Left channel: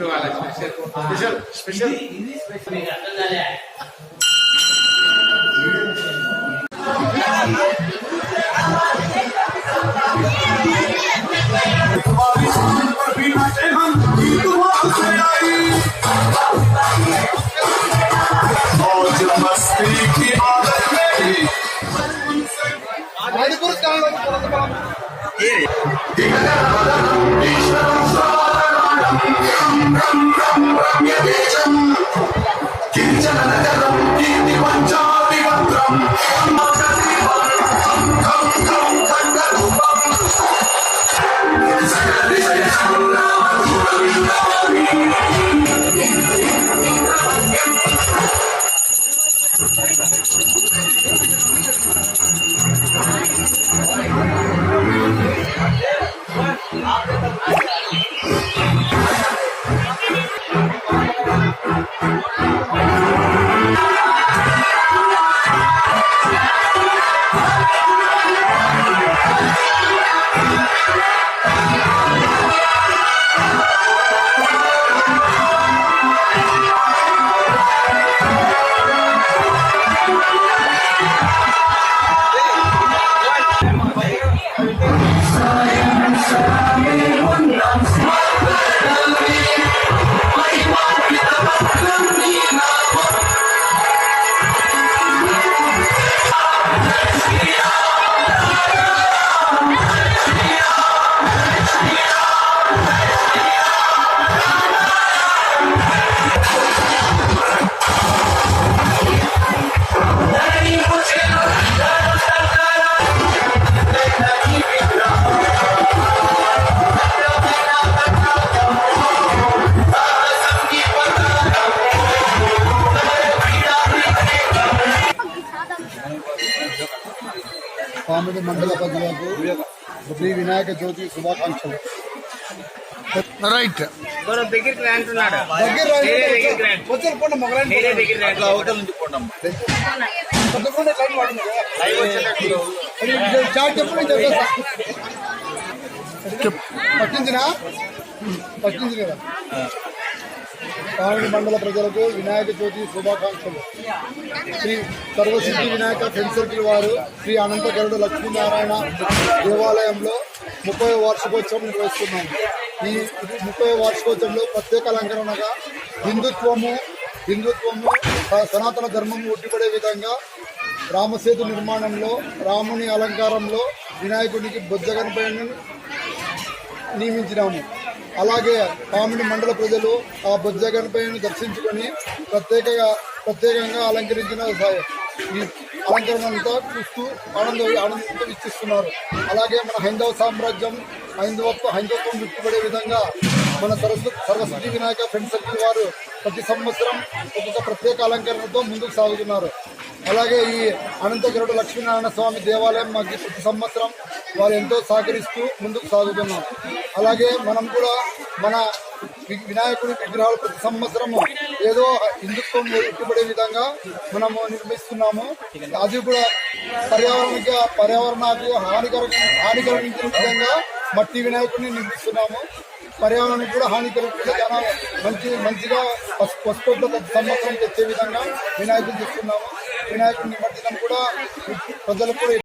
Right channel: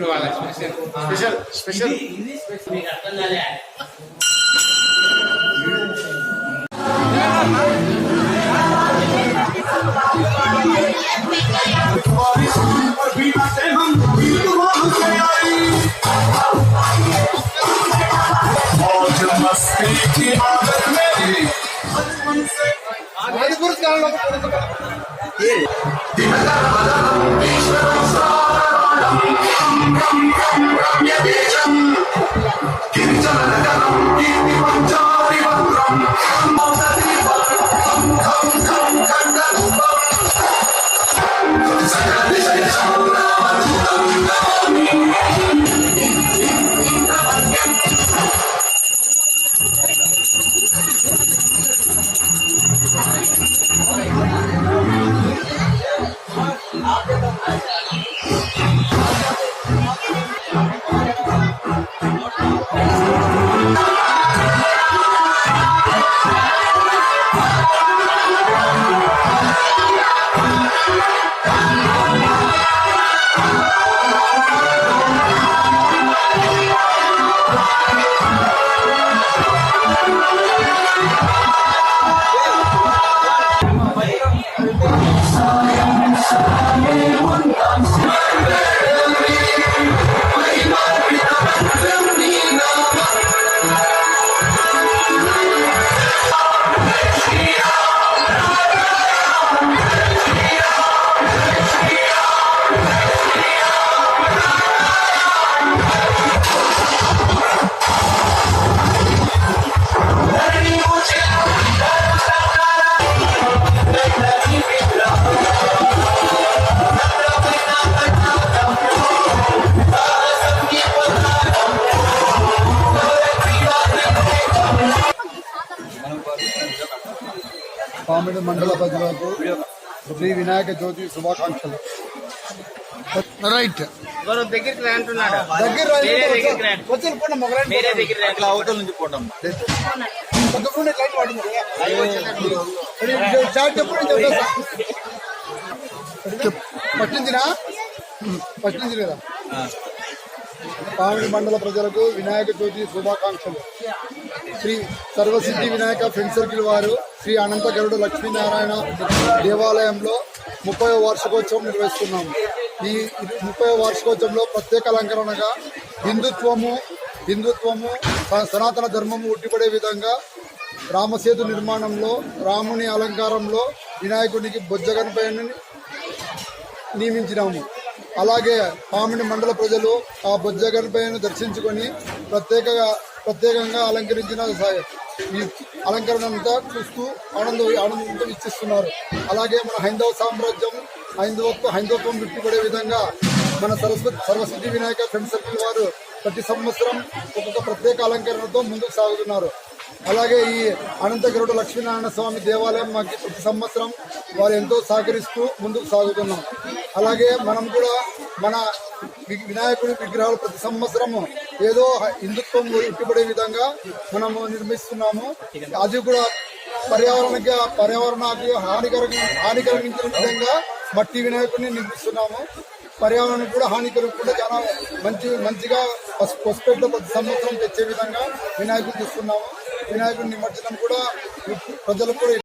చూడు వాళ్ళ special special special మీకు అర్థం కాలే मौज मस्ती की आदत मेरी किञ्चन नगरं कीर्तिमञ्चादिवक्त्रम् కామెడీ మండల ప్రజలకు శ్రీ వినాయక జ్యోతి శుభాకాంక్షలు. రైట్. ఎవరో దగ్గరికి రా అంటున్నాడు. దగ్గర రండి. వేరే దగ్గరికి రా. వచ్చి పోండి మొగలాంటి వేరే దగ్గరికి రా. అట్లా అవతల నుంచి పోవడం కొత్తపూడి లైన్ పడింది కదా. అది మండల ప్రజలకు వినాయక చవితి శుభాకాంక్షలు. శ్రీ సర్వసిద్ధి వినాయక ఫ్రెండ్ సర్కిల్ వారు శ్రీ అనంతగరుడు లక్ష్మీనారాయణ దేవాలయంలో ముప్పై వార్షికోత్సవం నిర్వహిస్తున్నాము ఈ ముప్పై వార్షికోత్సవంలో ప్రత్యేక అలంకరణగా హిందుత్వము హిందుత్వము స- సనాతన ధర్మము ఉట్టిపడే విధంగా రామసేతు నిర్మాణంలో రాముని అలంకారంలో వినాయకుడికి బొజ్జగనపైన నియమించినాము. అలాగే పామిడి మండల ప్రజలు ఆ బొజ్జగనపైను దర్శించుకొని ప్రత్యేకంగా ప్రత్యేకంగా అలంకరించిన ఈ అలంకరణ చూస్తూ ఆనంద ఆనందంతో ఇచ్చిస్తున్నారు అలాగే మన హైందవ సామ్రాజ్యం హైందవత్వ హైందవత్వం విట్టుపడే విధంగా మన సరస్వతి సరస్వతి వినాయక ఫ్రెండ్ సర్కిల్ వారు ప్రతి సంవత్సరం ఒక్కొక్క ప్రత్యేక అలంకరణతో ముందుకు సాగుతున్నారు. అలాగే ఈ అనంతగిరుడు లక్ష్మీనారాయణ స్వామి దేవాలయం మాకు ప్రతి సంవత్సరం వారు ఎంతో సహకరిస్తూ ముందుకు సాగుతున్నాం. అలాగే మనం కూడా మన వి- వినాయకుడి విగ్రహాలు ప్రతి సంవత్సరము ఏదో హిందుత్వం ఇట్టుబడే విధంగా మనము నిర్మిస్తున్నాము. అది కూడా పర్యావరణకి పర్యావరణానికి హానికర హానికరించిన విధంగా మట్టి వినాయకుడిని నిర్మిస్తున్నాము. పర్యావరణానికి కూడా హాని కలగకుండా చాలా మంచి మంచిగా పసు- ప్రతి సంవత్సరం తెచ్చే విధంగా వినాయకుడు చూస్తున్నాము. వినాయకుడి నిమజ్జనం కూడా ప్రజలకు కూడా